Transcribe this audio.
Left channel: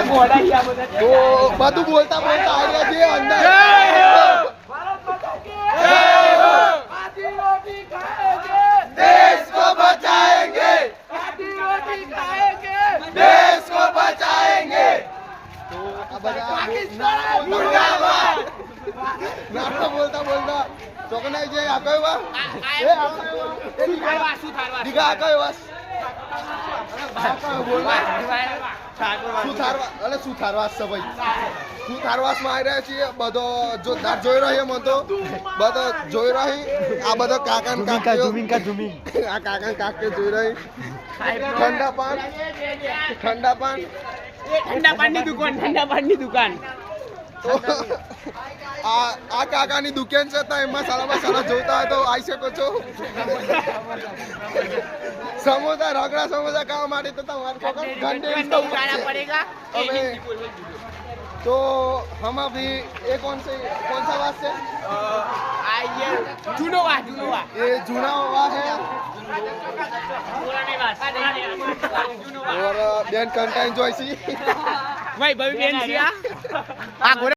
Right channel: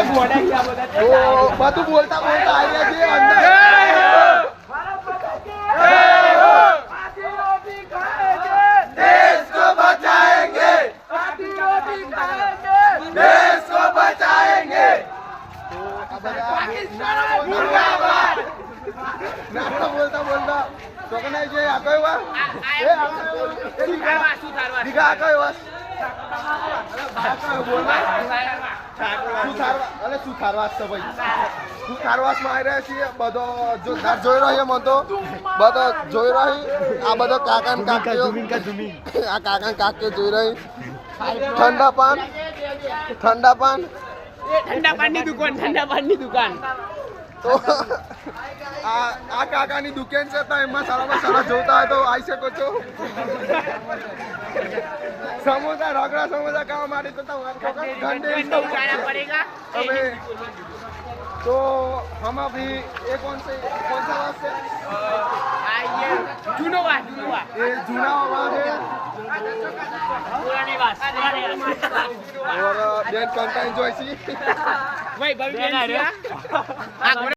તો બધું બોલતા બોલતા આવી ગયા છીએ અંદર देश को बचाएंगे देश को बचाएंगे नारा बोलता बोलता ચોકને જે આ કયો વા એ આ કયો દીગા આ કયો વા બા કયો બોલવા સુથારવાસ છે ભાઈ સુથારવાસમાં આવી રહ્યા છીએ બધો જોરદાર જોઈ રહ્યો મને તો બધો જોઈ રહી આ બધો કાકા ને કાકીઓ આ કાકા ને કાકીઓ જોઈ રહી ઠંડા પાનની દુકાન તો આ કાકાની દુકાન છે તો એમાં સારા સારા જોતા હોય તો આવી શકો છો समोसा रगड़ा समोसा खावा मारे तो घंटे हमें तो हम अभी ये कौन सा वास से जुनोवा ये जुनोवा है और बेन कंटेंट जो ऐसी भाई बबी बेन सिया